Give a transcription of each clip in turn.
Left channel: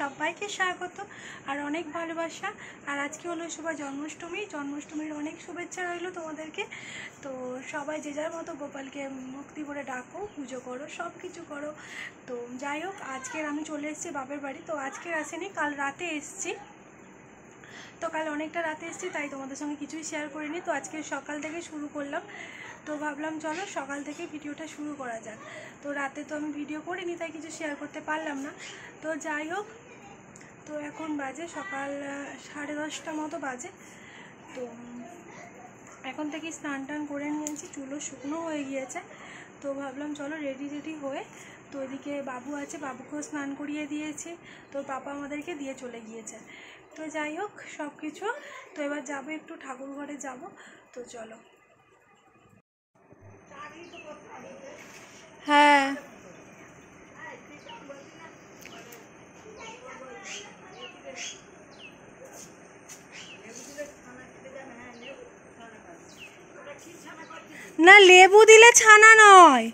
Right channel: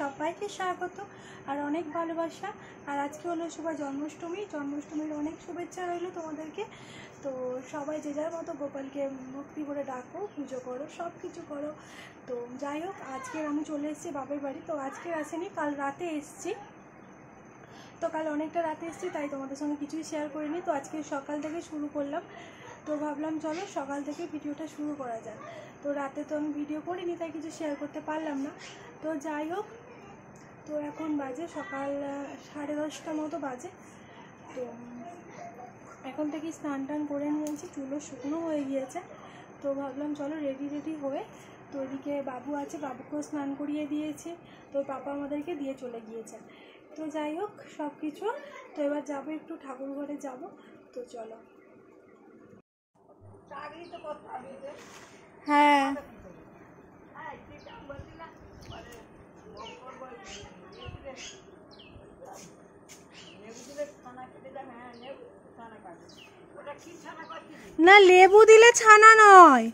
সবাইকে স্বাগত আর অনেক ভালোবাসা। আর আজকে হলো শুভ জন্মাষ্টমী, জন্মাষ্টমীর অনেক শুভেচ্ছা রইল তোমাদেরকে। তো সবাই যে যার মতো গোপালকে ভক্তি করে ডাকো, পুজো করো, সব কিছু করো। তো যাই হোক, আজকের আমি চলে এসেছি বাপের বাড়ি। তো আজকের আসেনি, কাল রাতে এসেছি। তো কাল অনেকটা রাতে এসেছি, তাই তোমাদের সঙ্গে কিছুই শেয়ার করিনি। তো আজকে সকাল থেকে শুরু করলাম। তো ভাবলাম চলো সকাল থেকে ভিডিওটা শুরু করা যাক। তো রাতে তো আমি ভিডিও করিনি, তাই কিছু শেয়ার করতে পারলাম না। তো যাই হোক, তো এখন বাজে সকাল 10:30 মতো বাজে। তো এখন থেকে স্নান টান করে নিয়েছি, চুলও শুকনো হয়ে গিয়েছে। তো ভাবলাম চলো রেডি হয়ে, তো এদিকে বাবু আছে, বাবুকেও স্নান করিয়ে দিয়েছি। তো পাপা আমাদেরকে দিয়ে চলে গিয়েছে। তো যাই হোক সব কিছু, তো এবার যাবো একটু ঠাকুর ঘরে যাব। তো চলো। হ্যাঁ, না লেবু দিলে ছানা নয়,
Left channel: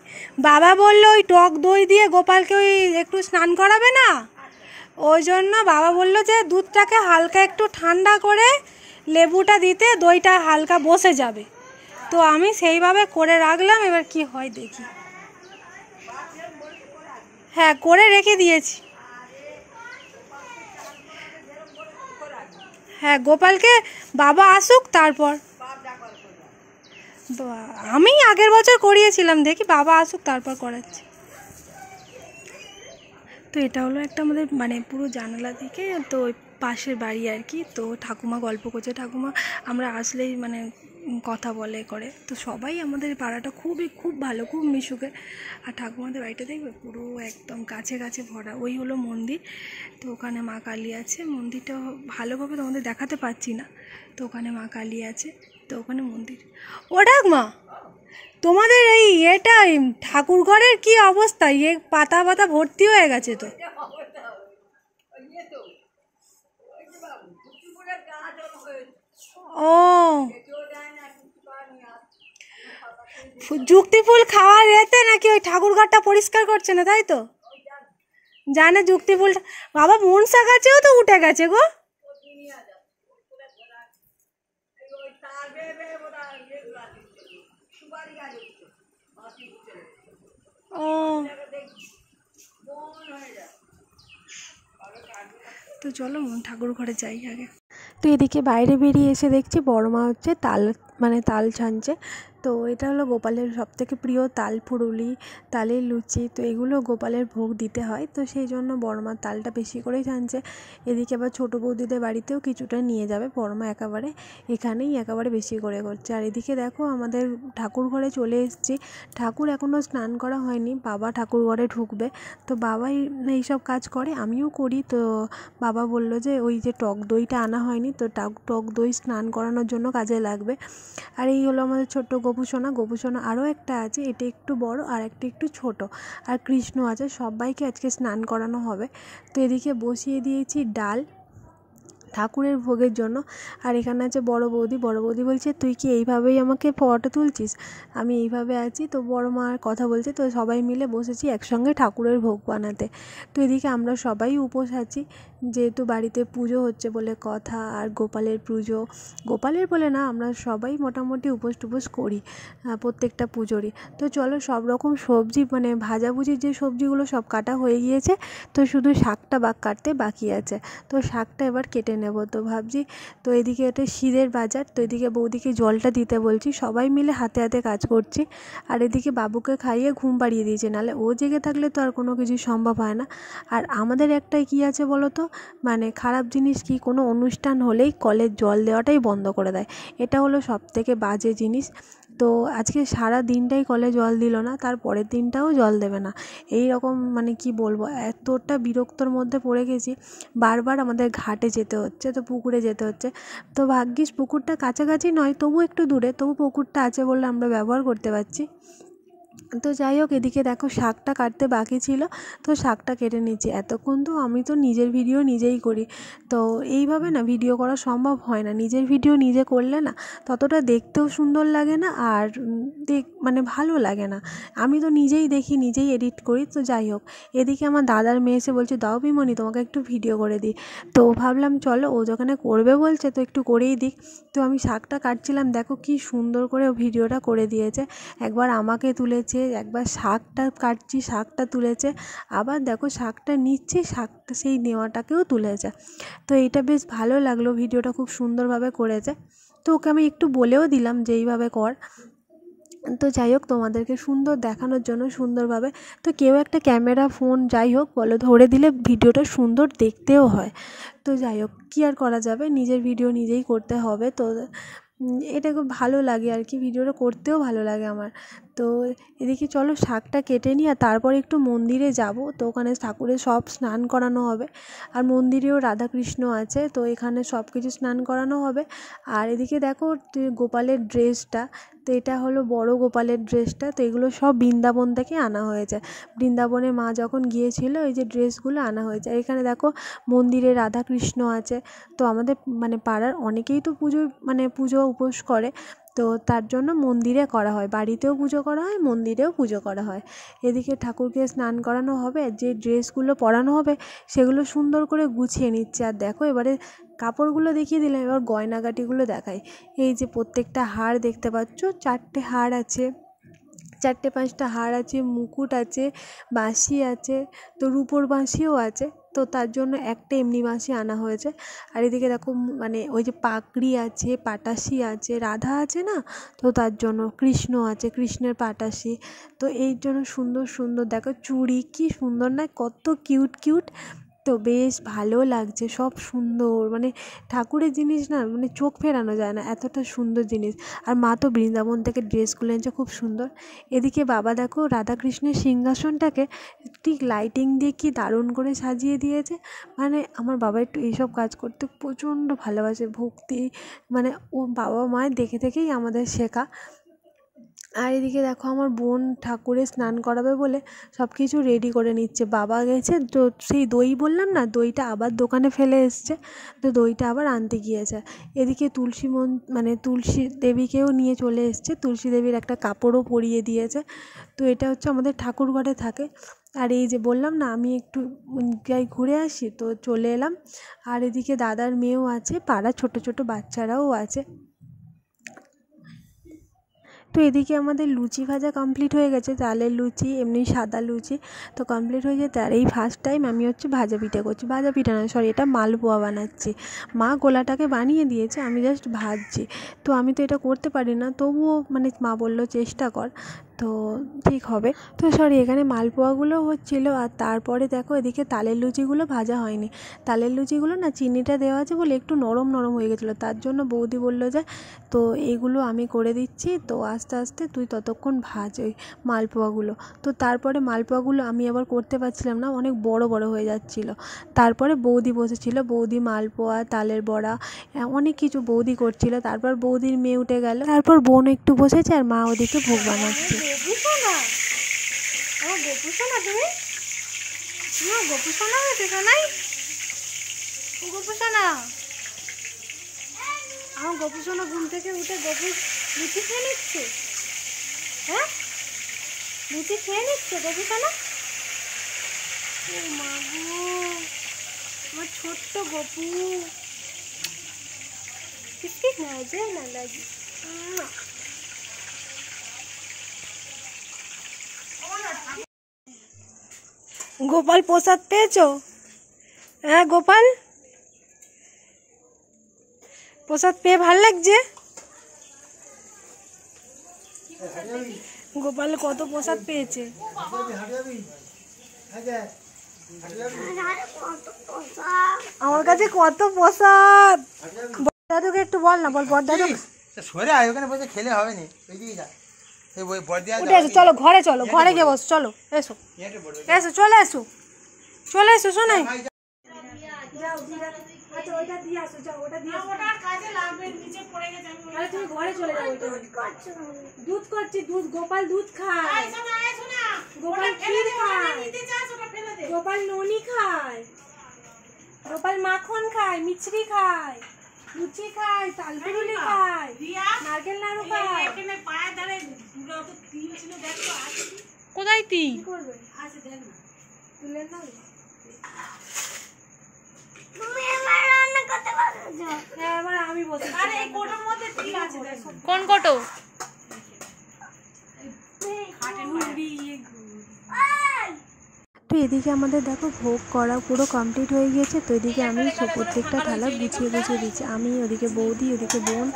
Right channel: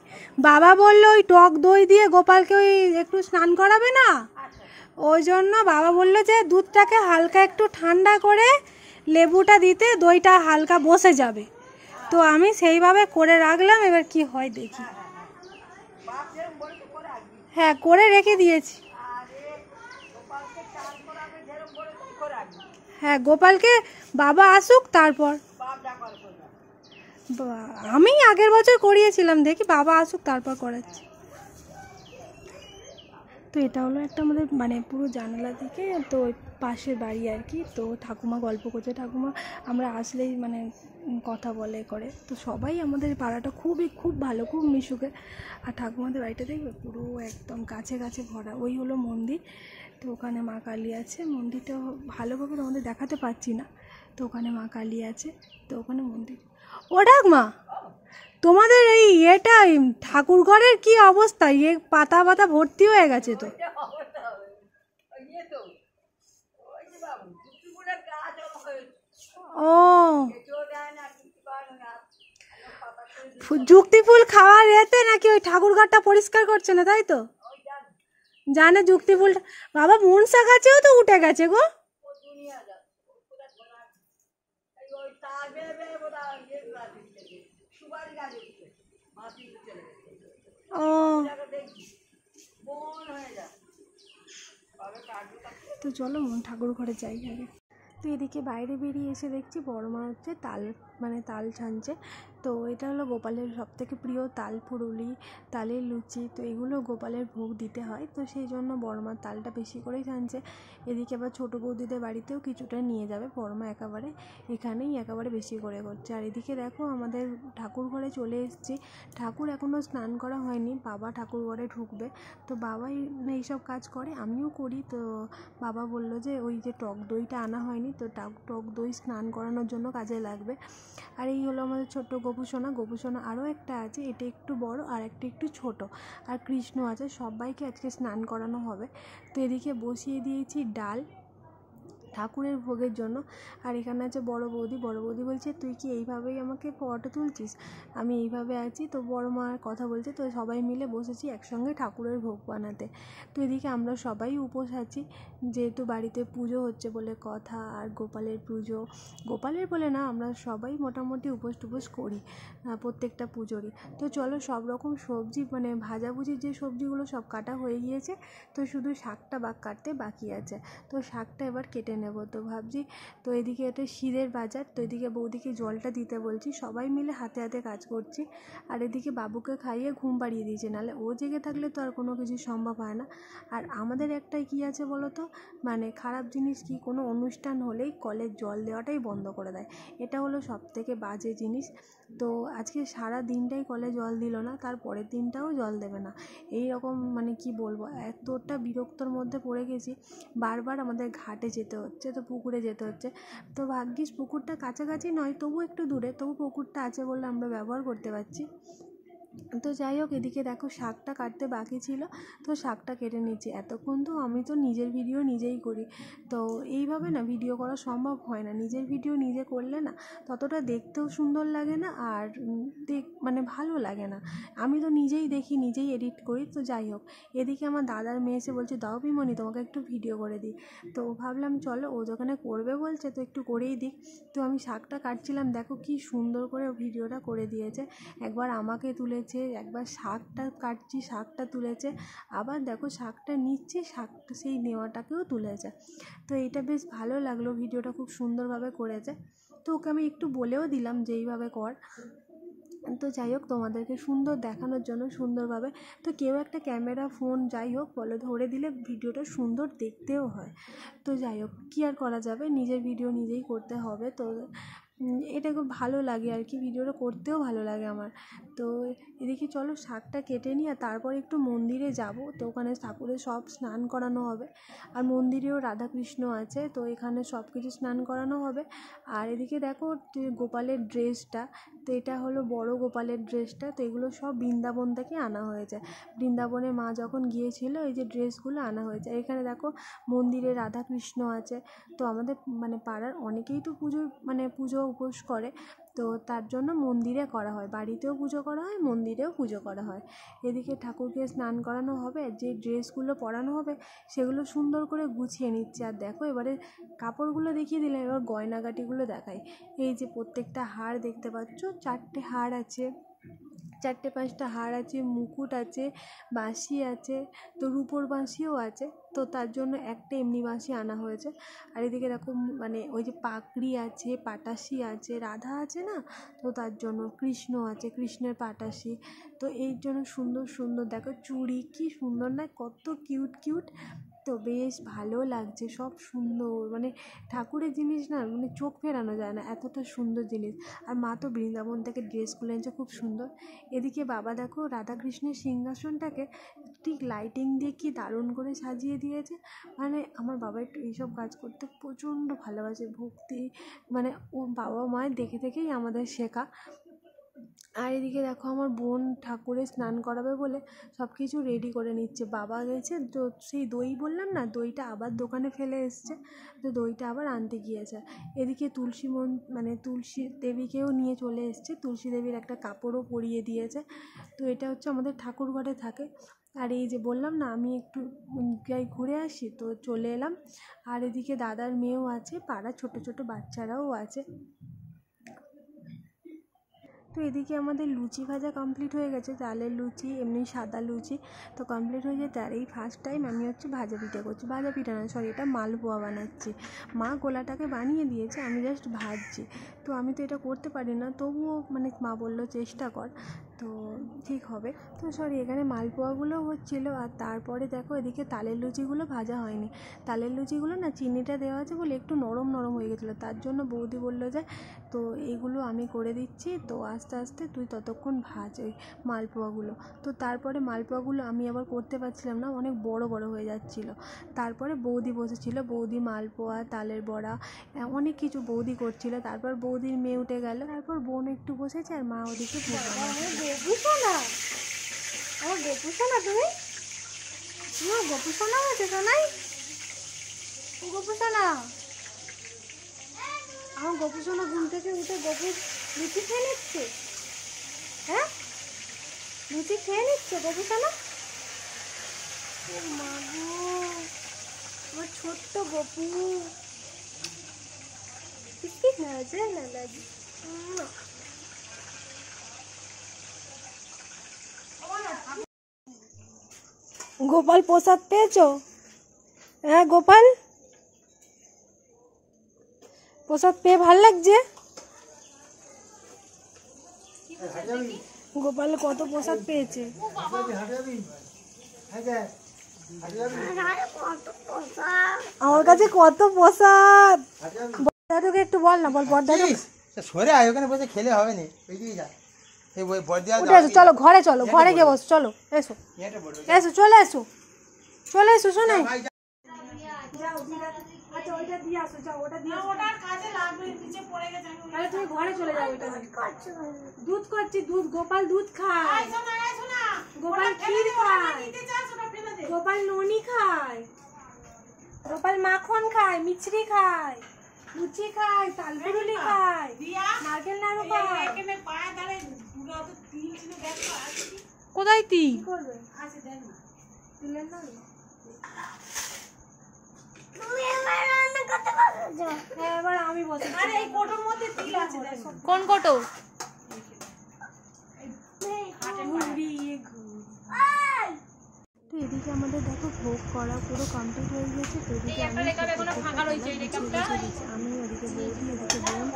বাবা বললো ওই টক দই দিয়ে গোপালকে ওই একটু স্নান করাবে না, ওই জন্য বাবা বললো যে দুধটাকে হালকা একটু ঠান্ডা করে লেবুটা দিতে দইটা হালকা বসে যাবে। তো আমি সেইভাবে করে রাখলাম, এবার কি হয় দেখি। হ্যাঁ, করে রেখে দিয়েছি। হ্যাঁ, গোপালকে বাবা আসুক তারপর। আমি আগের বছর করিয়েছিলাম, দেখি বাবা আসুক তারপর করাচ্ছি। তো এটা হলো একটা আমাদের মানে পুরো জানালা দিকে, তো ওই পাশের বাড়ি আর কি। তো ঠাকুমা গল্প করছে, ঠাকুমা আমরা আসলেই মানে কথা বলে করে। তো সবাই আমাদের পাড়াটা খুব ভালো, খুব মিশুকে। আর ঠাকুমাদের বাড়িটা দেখবে পুরো একদম গাছে গাছে ভরা। ওই হলো মন্দির। তো ওখানে মা কালী আছে, মন্দিরটা ভালোভাবে তোমাদের দেখাতে পারছি না। তো ওখানে মা কালী আছে, তো ওখানে মন্দির। ও ঠাকুমা, তোমাদের এই ঠাকুর ঘরের কি অবস্থা? পাতা পাতা ভর্তি হয়ে গেছে তো। ও, যুক্তি ফুল খাওয়ার এতে নাকি ওই ঠাকুর ঘরটা পরিষ্কার করছে না, তাই তো? জানে যুক্তি ফুলটা। বাবা মনসা গাছেও তো উঠে গেছে গো। ও, তো চলো ঠাকুর ঘরে যাই আগে। তো এদিকে বাইরে বেরিয়ে এসে দেখছি বড় মা হচ্ছে তাল ছানছে। তো এটা হলো গোপালের সবথেকে প্রিয় তাল ফুরুলি, তালের লুচি। তো এগুলো গোপালের ভোগ দিতে হয়, তো সেই জন্য বড় মা তালটা বেশি করেই ছানছে। এদিকে আবার ছোটো বৌদিদের বাড়িতেও কিছুটা নিয়ে যাবে, বড় মা একেবারে বেশি করে করছে। আর এদিকে দেখো আমাদের ঠাকুর ঘরে চলে এসেছি। ঠাকুর এখনও স্নান করা হয়নি, বাবা ঠাকুর ঘরে ঢুকবে। তো বাবাই এইসব কাজ করে, আমিও করি। তো বাবা বলল যে ওই যে টক দইটা আনা হয়নি, তো টক দই স্নান করানোর জন্য কাজে লাগবে। আর এই হলো আমাদের ছোট্ট গোপুসোনা। আরও একটা আছে, এটা একটু বড় আর একটা একটু ছোট। আর কৃষ্ণ আছে, সবাইকে আজকে স্নান করানো হবে। তো এদিকে বসিয়ে দিয়েছি ডাল ঠাকুরের ভোগের জন্য। আর এখানে আছে বড় বৌদি বলছে তুই কি এইভাবেই আমাকে ফটো তুলছিস? আমি এইভাবে আছি। তো বড় মা কথা বলছে, তো সবাই মিলে বসেছি একসঙ্গে ঠাকুরের ভোগ বানাতে। তো এদিকে আমরা সবাই উপোস আছি, যেহেতু বাড়িতে পুজো হচ্ছে বলে কথা। আর গোপালের বলে না, আমরা সবাই মোটামুটি উপোস টুপোস করি প্রত্যেকটা পুজোরই। তো চলো সব রকম সবজি মানে ভাজাভুজির যে সবজিগুলো সব কাটা হয়ে গিয়েছে, তো শুধু শাকটা কাটতে বাকি আছে। তো শাকটা এবার কেটে নেব। তো ভাবছি, তো এদিকে এটা শীতের বাজার, তো এদিকে বৌদিকে জলটা দিতে বলছি, সবাই মিলে হাতে হাতে কাজ করছি। আর এদিকে বাবুকে খাইয়ে ঘুম পাড়িয়ে দিয়েছে, নাহলে ও জেগে থাকলে তো আর কোনো কিছু সম্ভব হয় না। আর আমাদের একটাই কি আছে বলো তো, মানে খারাপ জিনিস কি, কোনো অনুষ্ঠান হলেই কলের জল দেওয়াটাই বন্ধ করে দেয়। এটা হলো সবথেকে বাজে জিনিস। তো আজকে সারা দিনটাই কলে জল দিল না, তার পরের দিনটাও জল দেবে না। এই রকম মানে কি বলবো, এতটা বিরক্তর মধ্যে পড়ে গেছি। বারবার আমাদের ঘাটে যেতে হচ্ছে, তো পুকুরে যেতে হচ্ছে। তো ভাগ্যিস পুকুরটা কাছাকাছি নয়, তবু একটু দূরে, তবু পুকুরটা আছে বলে আমরা ব্যবহার করতে পারছি। তো যাই হোক, এদিকে দেখো শাকটা কাটতে বাকি ছিল, তো শাকটা কেটে নিচ্ছি। এতক্ষণ তো আমি তো নিজের ভিডিও নিজেই করি, তো এইভাবে না ভিডিও করা সম্ভব হয় না। নিজের ভিডিও নিজে করলে না ততটা দেখতেও সুন্দর লাগে না, আর মানে ভালো লাগে না। আমি তো নিজেই দেখি, নিজেই এডিট করি। তো যাই হোক, এদিকে আমার দাদার মেয়ে এসে বলছে, দাও পিমনি তোমাকে একটু ভিডিও করে দিই। তো ভাবলাম চলো, ও যখন করবে বলছে তো একটু করেই দিক। তো আমি শাকটা কাটছিলাম, দেখো কি সুন্দর করে ভিডিওটা করে দিয়েছে। একবার আমাকে তুলেছে, একবার শাকটা কাটছি শাকটা তুলেছে, আবার দেখো শাকটা নিচ্ছি শাকটা সেই নেওয়াটাকেও তুলেছে। তো এইটা বেশ ভালো লাগলো, ভিডিওটা খুব সুন্দরভাবে করেছে। তো ওকে আমি একটু বলেও দিলাম যে এইভাবে কর। তো যাই হোক, তোমাদেরকে সুন্দর দেখানোর জন্য সুন্দরভাবে, তো কেউ একটা ক্যামেরা ফোন যাই হোক বলো ধরে দিলে ভিডিওটা সুন্দর দেখতেও হয়। তো যাই হোক, কী আর করা যাবে, নিজের ভিডিও নিজেই করতে হবে। তো এটা খুব ভালো লাগে আর কি, ভিডিওটা করতেও ভালো লাগে আমার। তো এদিকে চলো শাকটা কেটে নিই, আর তারপর একটু মন্দিরে যাব। তো ওখানে ঠাকুরের সব স্নান করানো হবে, আর মন্দিরেও রাধাকৃষ্ণ আছে, তো এখানে সব কিছু স্নান করানো হবে। আর এদিকে দেখো গোপালের ড্রেসটা, তো এটা হলো বড় গোপালের ড্রেসটা। তো এগুলো সব বৃন্দাবন থেকে আনা হয়েছে, বৃন্দাবনে মা যখন গিয়েছিল এই যে ড্রেসগুলো আনা হয়েছে। এখানে দেখো মন্দিরে রাধাকৃষ্ণ আছে। তো আমাদের মানে পাড়ার অনেকেই তো পুজো উপোস করে, তো তার জন্য মন্দিরে করা হয়, বাড়িতেও পুজো করা হয়, মন্দিরেও পুজো করা হয়। এদিকে ঠাকুরকে স্নান করানো হবে, যে ড্রেসগুলো পরানো হবে সেগুলো সুন্দর করে গুছিয়ে নিচ্ছে। আর দেখো এবারে কাপড়গুলো দেখিয়ে দিলাম, এবার গয়নাগাটিগুলো দেখাই। এই যে প্রত্যেকটা হার দেখতে পাচ্ছ, 4টে হার আছে, 4-5টা হার আছে, মুকুট আছে, বাঁশি আছে, তো রূপোর বাঁশিও আছে। তো তার জন্য একটা এমনি বাঁশি আনা হয়েছে। আর এদিকে দেখো মানে ওই যে পাগড়ি আছে, পাটাশি আছে, রাধা আছে না, তো তার জন্য কৃষ্ণ আছে, কৃষ্ণের পাটাশি। তো এই জন্য সুন্দর সুন্দর দেখো চুড়ি, কি সুন্দর না, কত কিউট কিউট। তো বেশ ভালো লাগছে, সব সুন্দর, মানে ঠাকুরের জিনিস না মানে চোখ ফেরানো যায় না, এতটা সুন্দর জিনিস। আর মা তো বৃন্দাবন থেকে ড্রেসগুলো এনেছে, খুব সুন্দর। এদিকে বাবা দেখো রাধাকৃষ্ণের সিংহাসনটাকে ঠিক লাইটিং দিয়ে কি দারুণ করে সাজিয়ে দিয়েছে। মানে আমার বাবা একটু এইসব কাজ করতে প্রচণ্ড ভালোবাসে, ভক্তি, মানে ও বাবা মায়ের দেখে দেখেই আমাদের শেখা। আর এদিকে দেখো আমার বোন ঠাকুরের স্নান করাবে বলে সব কিছু রেডি করে নিচ্ছে। বাবা গেছে, তো সেই দই বললাম না, দইটা আবার দোকানে ফেলে এসছে, তো দইটা আবার আনতে গিয়েছে। এদিকে তুলসী দেবীকেও নিয়ে চলে এসছে, তুলসী দেবীর একটা কাপড়ও পরিয়ে দিয়েছে। তো এটা হচ্ছে আমাদের ঠাকুর ঘরে থাকে। আর এই যে বললাম না আমি একটু যাই ঘুরে আসি, তো চলে এলাম। আর এদিকে দাদার মেয়েও আছে, পাড়ার ছোট ছোট বাচ্চারাও আছে। তো এদিকে আমাদের লুচি ভাজা কমপ্লিট হয়ে গেছে, চালের লুচি এমনি সাদা লুচি তো কমপ্লিট হয়ে যেতে। আর এই ফার্স্ট টাইম আমি হচ্ছে ভাজা পিঠা করছি, ভাজা পিঠা নয় সরি, এটা মালপোয়া বানাচ্ছি। মা গোলাটাকে বানিয়ে দিয়েছে, আমি জাস্ট ভাজছি। তো আমি তো এটা করতে পারি না, তবুও মানে মা বললো চেষ্টা কর, তো ঠিক হবে। তো সরি, এখানে মালপোয়াগুলো হচ্ছিলো। আর তারপরে দেখো এদিকে তালের লুচিগুলো ভাজা হয়নি, তালের লুচিগুলো না চিনিটা দেওয়া আছে বলে একটু নরম নরম হয়ে গেছিলো, তার জন্য বৌদি বললো যে তো এইগুলো আমি করে দিচ্ছি, তো আস্তে আস্তে তুই ততক্ষণ ভাজ ওই মালপোয়াগুলো। তো তারপরে মালপোয়াগুলো আমি আবার করতে পারছিলাম না, অনেক বড় বড় হয়ে যাচ্ছিলো। তারপরে বৌদি বসেছিল, বৌদি মালপোয়া, তালের বড়া, অনেক কিছু বৌদি করছিল। তারপর বৌদির মেয়ে উঠে গেল, তারপর বোন একটু বসেছে, আর মা ওদিকে ভোগ বানাচ্ছে। আমার গপু শোনা, তুমি তোমার গপু শোনা হয়েছে শোনাই, গপু শোনা, আমার গপু শোনা ঘুম থেকে উঠে গপু লুচি খেয়ে নিচ্ছে। হ্যাঁ, লুচি খেয়ে নিচ্ছে গপু শোনা। ও মা গো, আমার ছোট্ট গপু বিস্কিট না যায় না লাগে। গোপাল প্রসাদ পেয়েছো? হ্যাঁ গোপাল, প্রসাদ পেয়ে ভাল লাগছে? গোপাল কত প্রসাদ পেয়েছে। আমার কাছে কত প্রসাদ। দাদুকে একটু বল না, বল বড় দাদু সরে আয়, ওখানে বসে খেলে হবে না, এদিকে যা। উঠে এসো, চলো ঘরে, চলো ঘরে গিয়ে বস, চলো এসো এসো, চলে এসো, চলে এসো শোনাই। আচ্ছা ওইটা দিয়ে আসো, যাও ওটা দিয়ে আসো। ওটা কাজে লাগবে, নিচে পড়ে গেছে। তাহলে তুমি ঘরে চলে যাও। ওইটা দুধ করছি, দুধ গোপাল দুধ খায়, গোপাল ক্ষীর খায়, গোপাল ননি খায়, গোপাল মাখন খায়, মিছরি খায়, লুচি খায়, তালপুরুলি খায়, নারকেল নাড়ু খায়। কোথায় তিল? কি করবে? তুলে নাও। হ্যাঁ, এবার আমি বসে কোন কোটো? তো এদিকে আমাদের দেখো ভোগ করা পুরো কমপ্লিট হয়ে গিয়েছে। তো এদিকে আমি সব প্রত্যেকটা থালা গুছিয়ে দিচ্ছি। আমি ওদিকে বৌদি, ওদিকে বোন,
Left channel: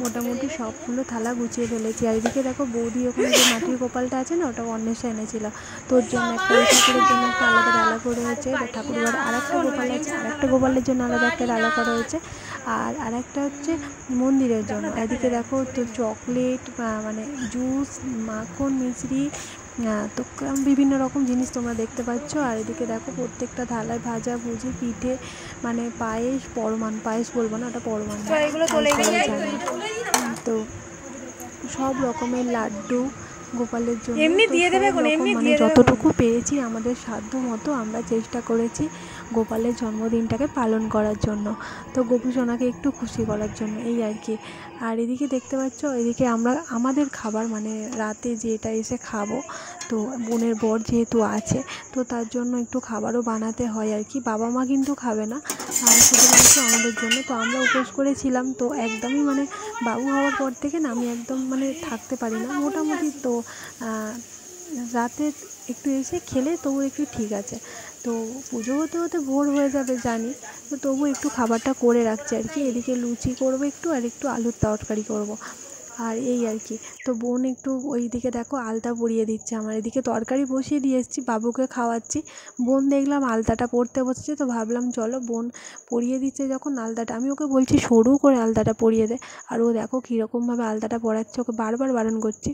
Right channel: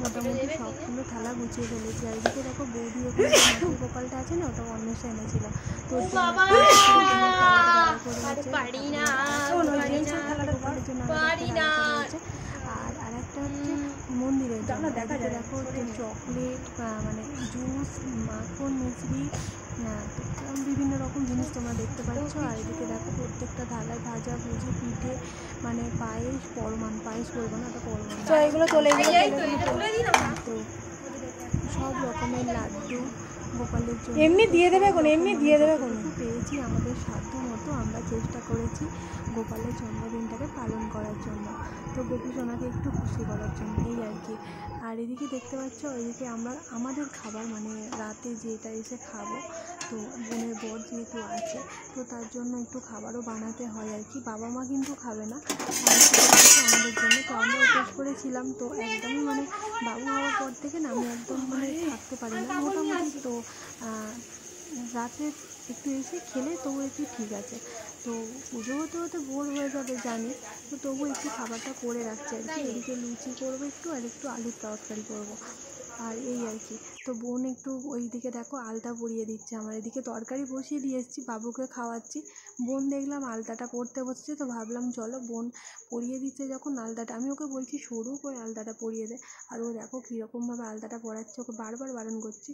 মোটামুটি সবগুলো থালা গুছিয়ে ফেলেছি। আর এদিকে দেখো বৌদি ওখানে যে মাটির গোপালটা আছে না, ওটা অন্বেষা এনেছিল। তোর জন্য ঠাকুরের জন্য একটা আলাদা ডালা করে হয়েছে, ঠাকুরের আরেকটা গোপাল আছে, আরেকটা গোপালের জন্য আলাদা একটা ডালা করা হয়েছে, আর আরেকটা হচ্ছে মন্দিরের জন্য। এদিকে দেখো তো চকলেট, মানে জুস, মাখন, মিছরি, তো বিভিন্ন রকম জিনিস তোমরা দেখতে পাচ্ছ। আর এদিকে দেখো প্রত্যেকটা থালায় ভাজা ভুজি, পিঠে, মানে পায়েস, পরমান, পায়েস বলবো না, ওটা পরমান, তো সব রকমের লাড্ডু গোপালের জন্য এমনি দিয়ে দেবে, এমনি দিয়ে দেবে। যতটুকু পেরেছি আমাদের সাধ্য মতো আমরা চেষ্টা করেছি গোপালের জন্মদিনটাকে পালন করার জন্য, তো গোপু সোনাকে একটু খুশি করার জন্য, এই আর কি। আর এদিকে দেখতে পাচ্ছ, এদিকে আমরা আমাদের খাবার, মানে রাতে যেটা এসে খাবো, তো বোনের বর যেহেতু আছে, তো তার জন্য একটু খাবারও বানাতে হয় আর কি। বাবা মা কিন্তু খাবে না, আর শুধুমাত্র আমাদের জন্য। তো আমরা উপোস করেছিলাম, তো একদমই মানে বাবু হওয়ার পর থেকে না আমি একদম মানে থাকতে পারি না মোটামুটি। তো রাতে একটু এসে খেলে তবু একটু ঠিক আছে। তো পুজো হতে হতে ভোর হয়ে যাবে জানি, তো তবু একটু খাবারটা করে রাখছি আর কি। এদিকে লুচি করবো একটু, আর একটু আলুর তরকারি করব, আর এই আর কি। তো বোন একটু ওই দিকে দেখো আলতা পরিয়ে দিচ্ছে, আমার এদিকে তরকারি বসিয়ে দিয়ে এসেছি, বাবুকে খাওয়াচ্ছি। বোন দেখলাম আলতাটা পরতে বসেছে, তো ভাবলাম চলো বোন পরিয়ে দিচ্ছে যখন আলতাটা, আমি ওকে বলছি সরু করে আলতাটা পরিয়ে দে, আর ও দেখো কীরকমভাবে আলতাটা পরাচ্ছে, ওকে বারবার বারণ করছি।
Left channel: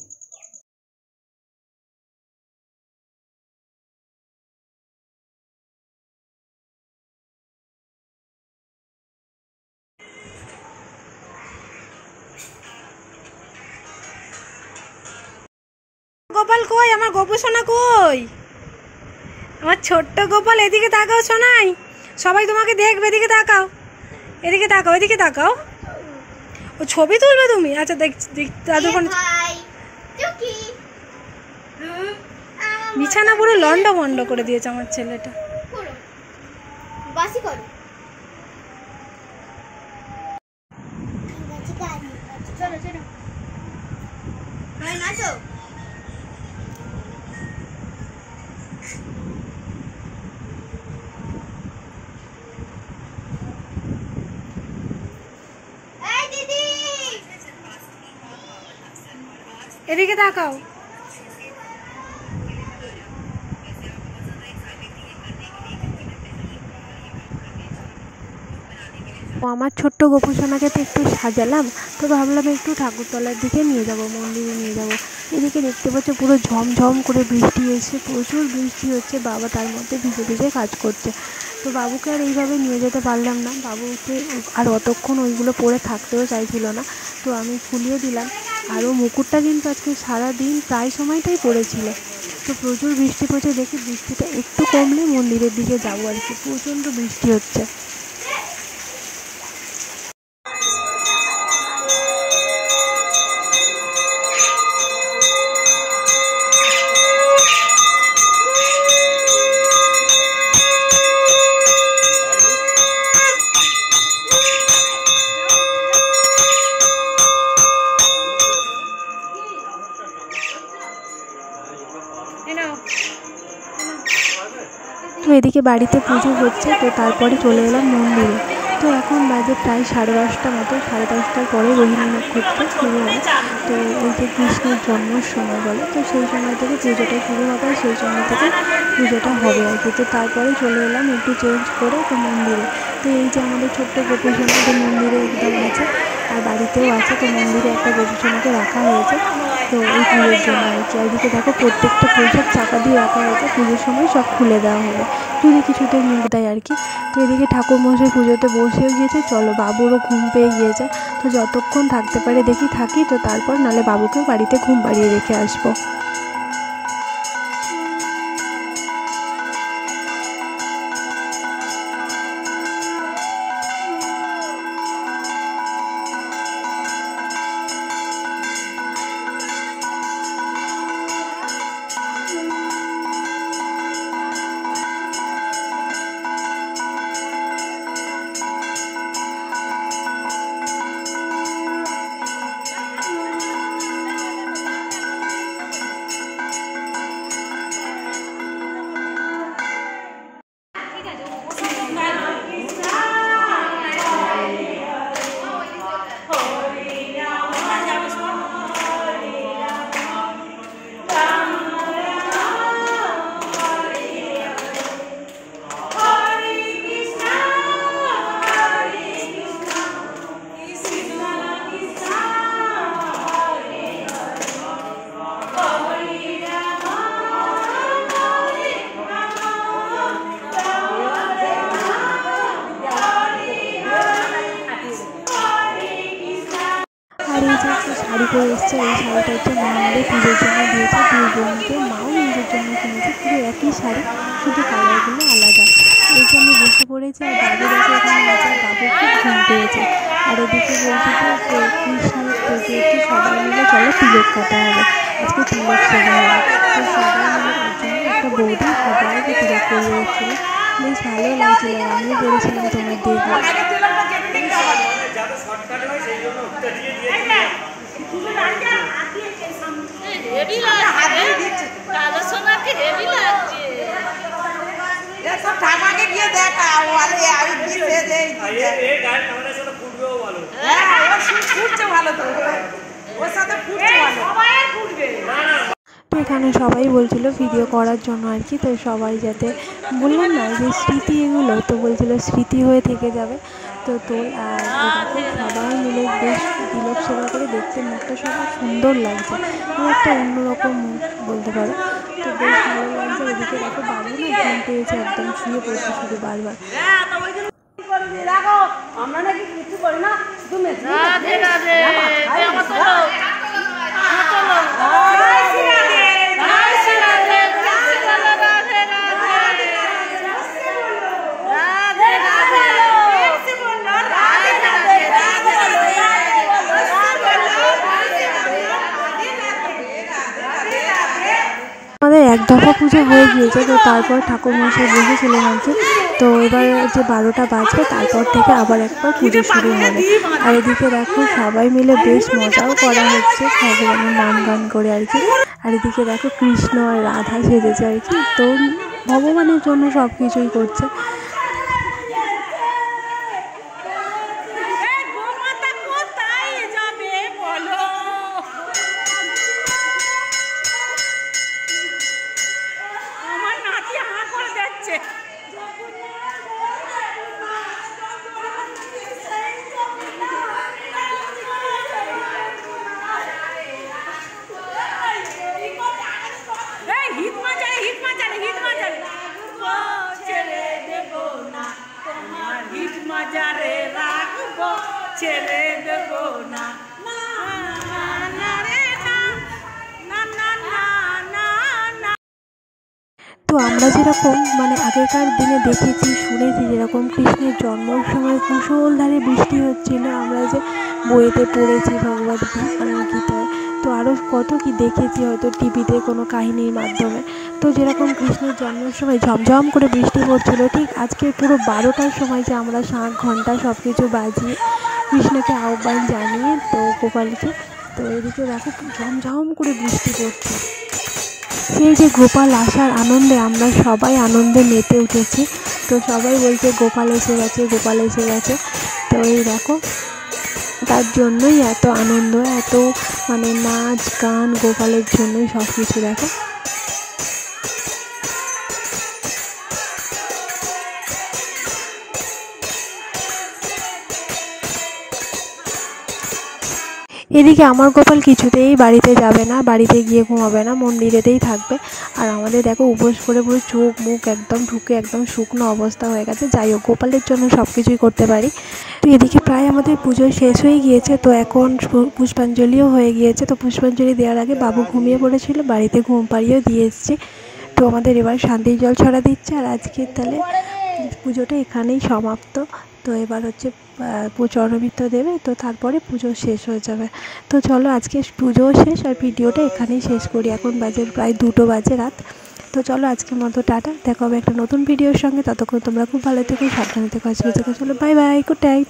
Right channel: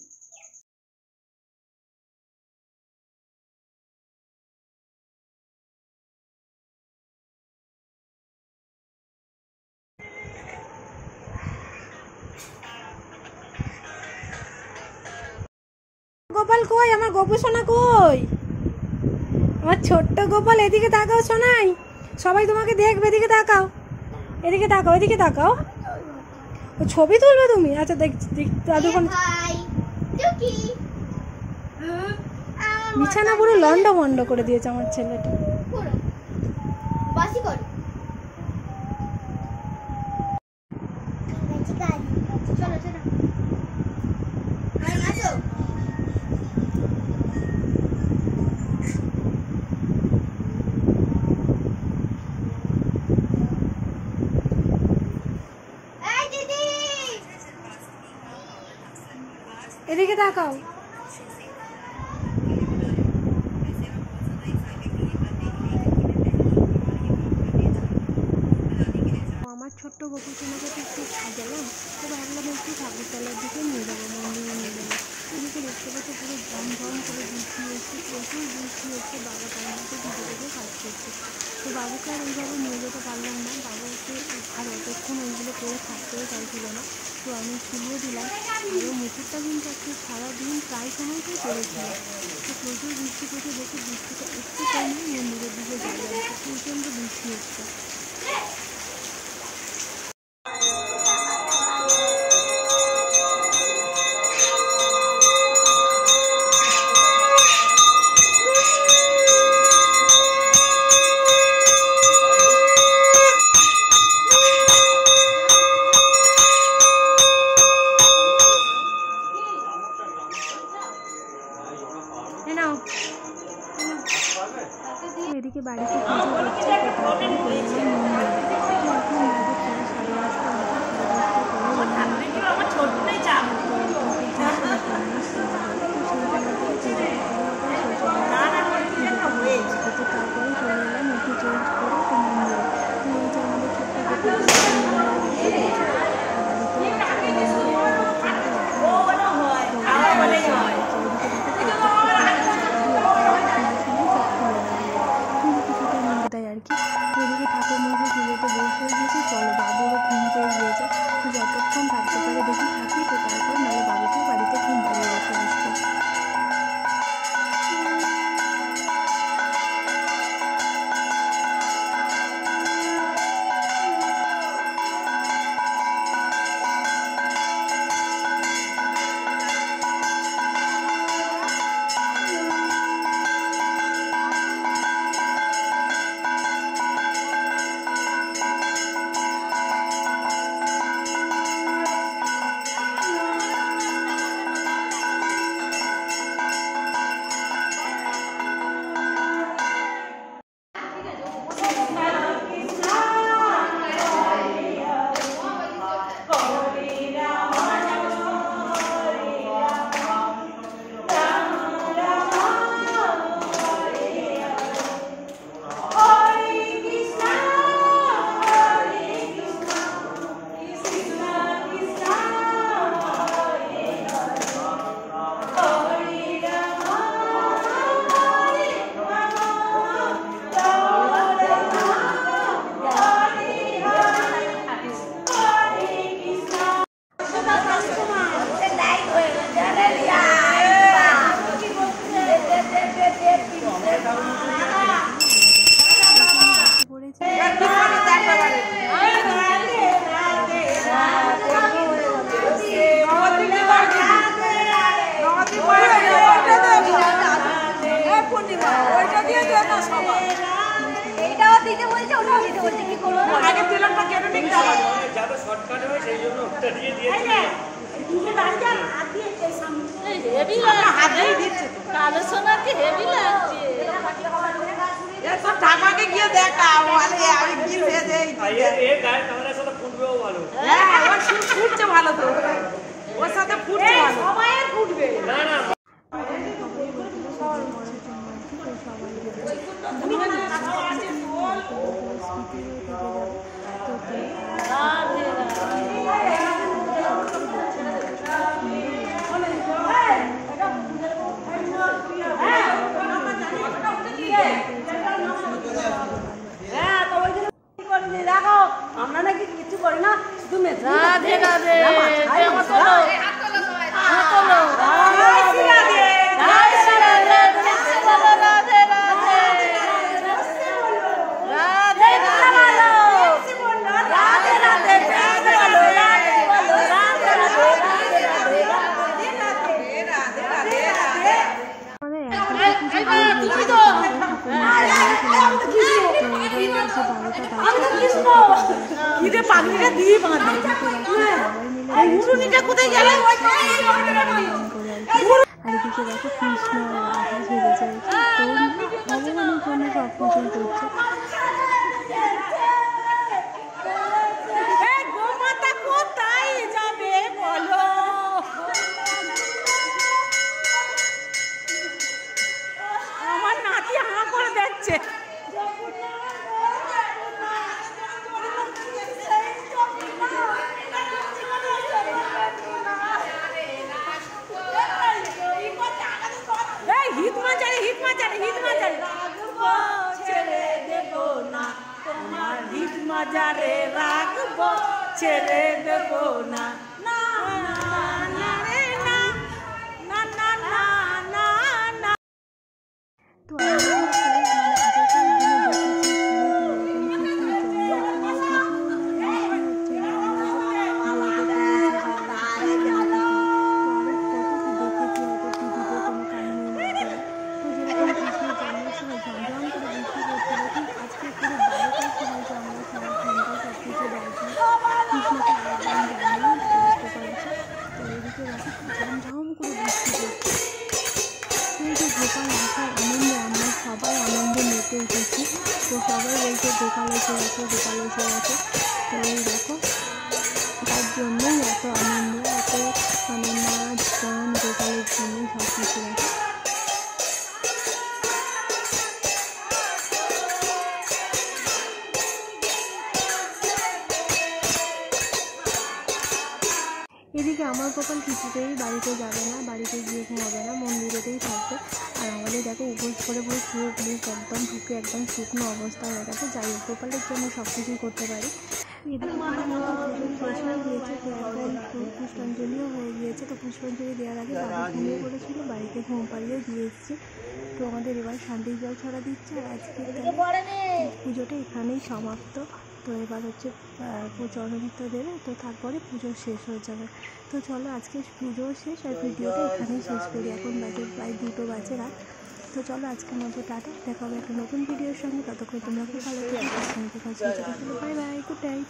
গোপাল কই? আমার গোপু সোনা কই? আমার ছোট্ট গোপাল, এদিকে তাকাও সোনাই, সবাই তোমাকে দেখবে, এদিকে তাকাও, এদিকে তাকাও, এদিকে তাকাও। ও ছবি তুলবে তুমি? আচ্ছা দেখ, দাদুর ফোন। বিছানা পুরো লন্ড ভন্ড করে দিয়েছে আমার ছেলেটা। এদিকে তাকাও। আমার ছোট্ট গোপু সোনাকে তো একটু সাজালাম, তো ভাবলাম একটু ঠাকুরতলার দিকে নিয়ে যাব, মন্দিরে নিয়ে যাব। এদিকে দেখতে পাচ্ছ পুরো ঝমঝম করে বৃষ্টি এসে, প্রচুর বৃষ্টি হচ্ছে, বাবা তার মধ্যে ভিজে ভিজে কাজ করছে। তো বাবুকে আর এইভাবে নিয়ে যেতে পারলাম না, বাবুকে আর অতক্ষণ ওইগুলো পরে থাকতেও চাইছিল না, তো আমি খুলিয়ে দিলাম। আরও মুকুটটা কিন্তু আজকে সারাদিন প্রায় সময়টাই পড়েছিল। তো প্রচুর বৃষ্টি পড়ছে, দেখি বৃষ্টিটা একটু কমলে মন্দিরের দিকে যাবো আর কি, প্রচণ্ড বৃষ্টি হচ্ছে। তো এদিকে বাড়িতে পুজো হচ্ছে, তো তারপরে চলে এলাম মন্দিরে। তো এখন বাজে প্রায় 8:30 মতো, 10:30টার পরে রোহিণী নক্ষত্র শুরু হয়। তো এই যে কৃষ্ণের জন্মের সময় বলে, তো সেই সময় থেকে পুজোটা শুরু হবে, সেই সময় থেকে পুজোটা হবে আর কি। তো তারপরে চলে এলাম একটু চেঞ্জ করে তো মন্দিরে। তো এই যে আমাদের ছোট্ট গোপী সোনাকে মন্দিরে উঠে গেছে, আর বাড়িতেও আছে, তো মন্দিরে একটা গোপুসোনাকে রাখা হয়েছে তো এই পুজোর জন্য আর কি। এদিকে দেখো প্রত্যেকটা প্রসাদ চাপা দিয়ে রাখা হয়েছে, পুজোর সময় সব খুলে দেওয়া হবে যদি কিছুতে মুখ দেয় আর কি। তো এদিকে ঠাকুরমশাই পুজোতে বসেও গিয়েছে, চলো বাবুরও ঘুম পেয়ে গিয়েছে, তো যতক্ষণ থাকতে পারে দেখি থাকি, তো তারপর নাহলে বাবুকেও বাড়িতে ঘুম পাড়িয়ে রেখে আসবো। করে এসছে, এই শাড়িটা হচ্ছে মন্দিরে পুজোর জন্য দিয়েছে, দুই বোনকে মাও নিজের জন্য কিনেছে, পুরো একই শাড়ি, শুধু কালারগুলো আলাদা। এই জন্য বসে পড়েছে আর বাবুর খুব ঘুম পেয়েছে। আর এদিকে বলছে কৃষ্ণের সবাই মিলে চলো তিলক কাটা হবে, আজকে তিলক খাওয়া হবে। একটা বৌদি খাবার তিলক করে এসেছিল, বেশ ভালো লাগছিল, আমিও করেছিলাম তো এখানে সবাই বলছিল ভিডিও করার জন্য আর কি, তো সবাই যাতে বললাম না যে স্মৃতি এগুলো, তো বলছিল স্মৃতি হয়ে থেকে যাবে। তো সবাই মিলে বেশ তিলক সেবা করে দেখতে মুখটা সবাই সুন্দর লাগছে, একটা অন্যরকম মুখ বলতে পারো, তো বেশ ভালো লাগছে। এদিকে দেখো বাবু না ঘুম পেয়েছে, একদম শুয়ে পড়েছে শুধু বারবার। আমরা নাকি কিছু করি না, আমাদের এক দফা পুজো হয়ে গিয়েছে, তো তারপর ঠাকুরমশাই বসেছিলেন আর কি। তো এবার যে 12টা বাজবে তারপর থেকে আবার একবার পুজো শুরু হবে। আর এদিকে দেখো সবাই মিলে বেশ মজাও করা হচ্ছে, ভগবানের নাম গান করে আর কি। আর এদিকে দেখো কৃষ্ণ আর রাধা সেজেছে আর কি, তো ভগবানের জন্য সব কিছুই করছে। তো আমরা যেরকম মানে আগেকার দিনে দেখেছি শুনেছি, যেরকম কৃষ্ণের জন্মের সময় মুষলধারে বৃষ্টি হচ্ছিল, আমরা যে বইতে পড়েছি ভগবত গীতায়, তো আরও কত কি দেখেছি হয়তো টিভিতে কোনো কাহিনীর মাধ্যমে। তো যেরকম কৃষ্ণের জন্মের সময় ঝমঝম করে বৃষ্টি পড়ছিল, ঠিক আজকে পুরো 12টার সময় যে আমরা শাঁখ ঘণ্টা সব কিছু বাজিয়ে কৃষ্ণকে আহ্বান জানিয়ে তো গোপালকে, তো এদিকে দেখো ঝমঝম করে বৃষ্টি পড়ছে। সেই যে গোপাল আসার আনন্দে আমরা সবাই আনন্দে মেতে উঠেছি, তো সবাই বলছে গোপাল এসে গেছে, গোপাল এসে গেছে। তো এই দেখো তার জন্যই এত আনন্দ, এত মানে নাচ গান গোপালের জন্যই সব কিছু। দেখো এদিকে আমার গোপাল কিছুতেই বাড়িতে যাবে না, বাড়িতে গিয়ে ঘুমাবে না, মন্দিরেতেই থাকবে। আর আমাদের দেখো উপোস করে পুরো চোখ মুখ একদম ঢুকে একদম শুকনো অবস্থা হয়ে গেছে। যাই হোক, গোপালের জন্য সব কিছুই করতে পারি। তো এদিকে প্রায় আমাদের পুজো শেষ হয়ে গিয়েছে, তো এখন পুষ্পাঞ্জলিও হয়ে গিয়েছে। তো পুষ্পাঞ্জলি দেওয়ার আগে বাবু ঘুমিয়ে পড়েছিল, বাড়িতে ঘুম পাড়িয়েও দিয়ে এসেছি। তো আমাদের এবার শান্তির জল ছড়া দিচ্ছে। আর আজকের তাহলে পুজোটা এখানেই সমাপ্ত। তো এবার হচ্ছে চরণবিত্ত দেবে, তো তারপরে পুজো শেষ হয়ে যাবে। তো চলো আজকে পুজোও শেষ আর ভিডিওটা এখানেই শেষ করি। এখন বাজে প্রায় 2টো বাজে রাত। তো চলো আজকের মতো টাটা, দেখা হবে একটা নতুন ভিডিওর সঙ্গে। ততক্ষণ তোমরা খুব ভালো থেকো, সাবধানে থেকো। আজকে থেকে চলো, বাই বাই, গুড নাইট।